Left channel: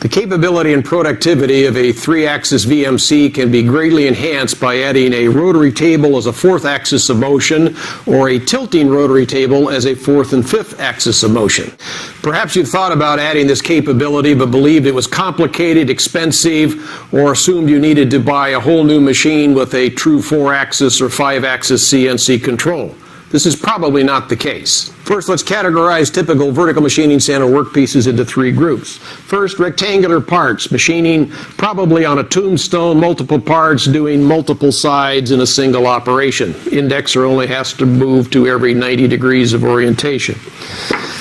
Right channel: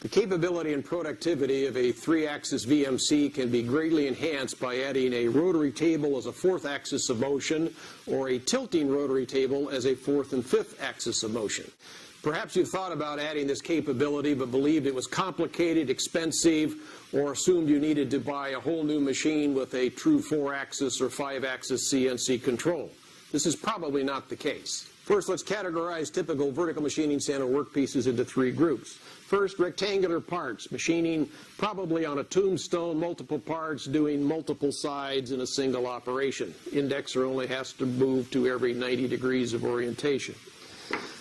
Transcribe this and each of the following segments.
The capability and productivity of a 3-axis VMC can be greatly enhanced by adding a rotary table as a 4th axis of motion or a tilting rotary table as a 4th and 5th axis of motion. Perhaps you've thought about adding this capability but believed it was complicated, expensive, or assumed you needed to buy a whole new machine with a true 4-axis or 5-axis CNC control. This is probably not the case. First, let's categorize typical vertical machining center workpieces into 3 groups. First, rectangular parts, machining probably on a tombstone, multiple parts, doing multiple sides in a single operation. Indexer only has to move to every 90 degrees of orientation.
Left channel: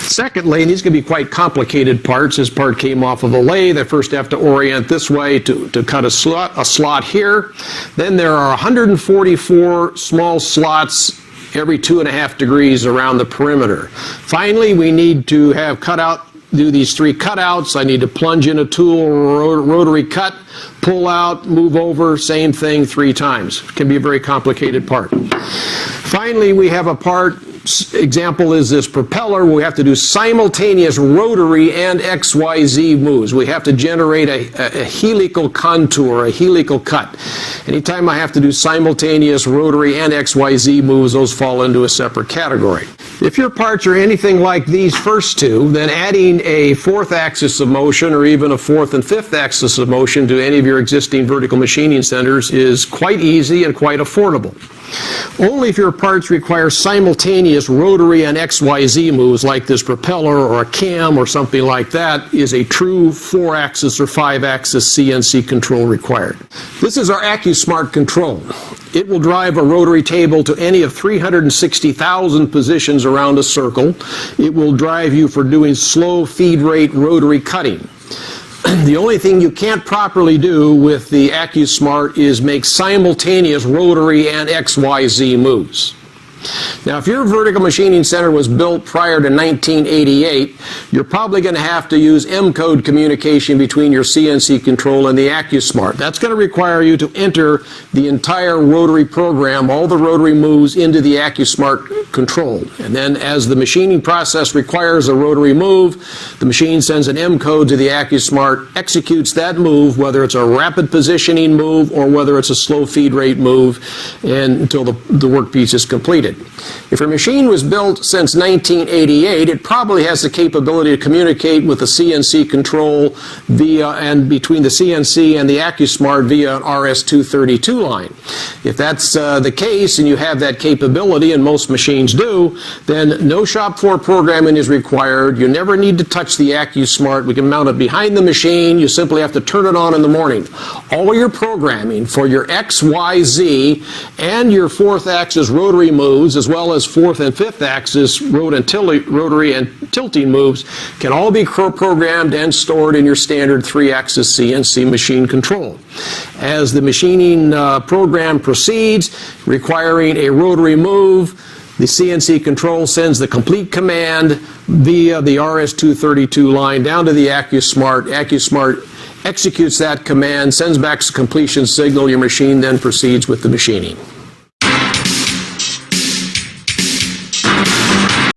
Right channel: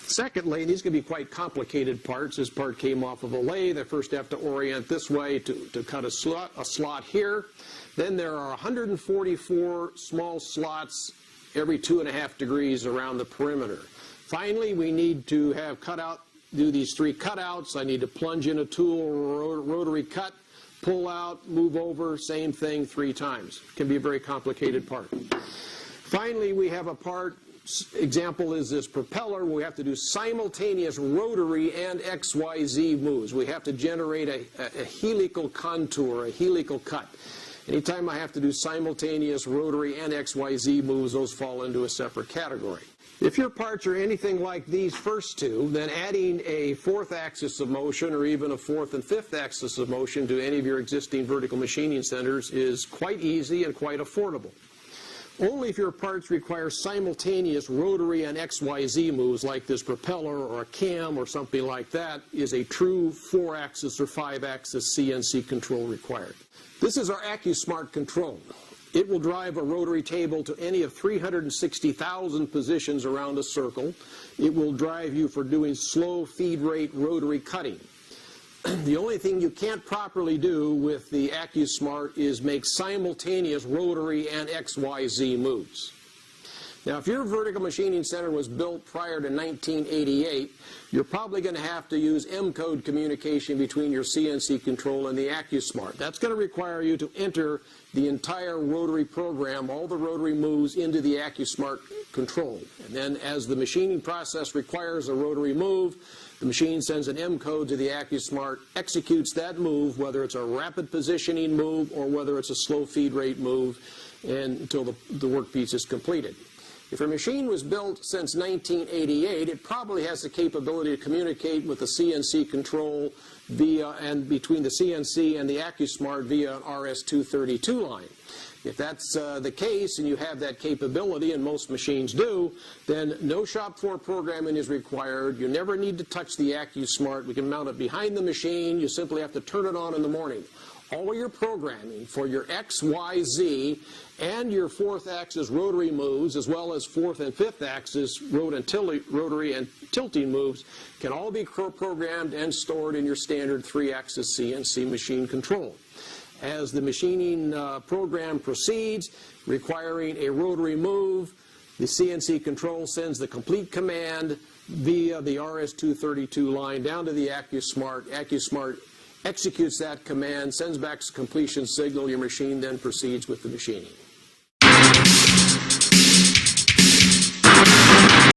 Secondly, and these can be quite complicated parts. This part came off of a lathe. I first have to orient this way to cut a slot here. Then there are 144 small slots every 2.5 degrees around the perimeter. Finally, we need to have do these 3 cutouts. I need to plunge in a tool, rotary cut, pull out, move over, same thing 3 times. It can be a very complicated part. Finally, we have a part, example is this propeller, where we have to do simultaneous rotary and XYZ moves. We have to generate a helical contour, a helical cut. Anytime I have to do simultaneous rotary and XYZ moves, those fall into a separate category. If your parts are anything like these first 2, then adding a 4th axis of motion or even a 4th and 5th axis of motion to any of your existing vertical machining centers is quite easy and quite affordable. Only if your parts require simultaneous rotary and XYZ moves like this propeller or a cam or something like that is a true 4-axis or 5-axis CNC control required. This is our AccuSmart control. It will drive a rotary table to any of 360,000 positions around a circle. It will drive you for doing slow feed rate rotary cutting. The only thing you can't properly do with the AccuSmart is make simultaneous rotary and XYZ moves. Now, if your vertical machining center was built prior to 1988, you're probably going to have to use M-code communication between your CNC control and the AccuSmart. That's going to require you to enter the entire rotary program, all the rotary moves, into the AccuSmart control. And then as the machining process requires a rotary move, the machine sends an M-code to the AccuSmart, executes that move, whether it's a rapid positioning move or whether it's a slow feed rate move, and until the workpiece is completed. If your machine was built since 1988, it probably has the capability to communicate with the CNC control between the CNC and the AccuSmart via an RS-232 line. If that's the case and you have that capability, and most machines do, then no shop floor programming is required. You never need to touch the AccuSmart. We can mount it behind the machine. You simply have to turn it on in the morning. All your programming for your XYZ and your 4th axis rotary moves, as well as 4th and 5th axis rotary and tilting moves, can all be programmed and stored in your standard 3-axis CNC machine control. As the machining program proceeds, requiring a rotary move, the CNC control sends the complete command via the RS-232 line down to the AccuSmart. AccuSmart executes that command, sends back the completion signal. Your machine then proceeds with the machining.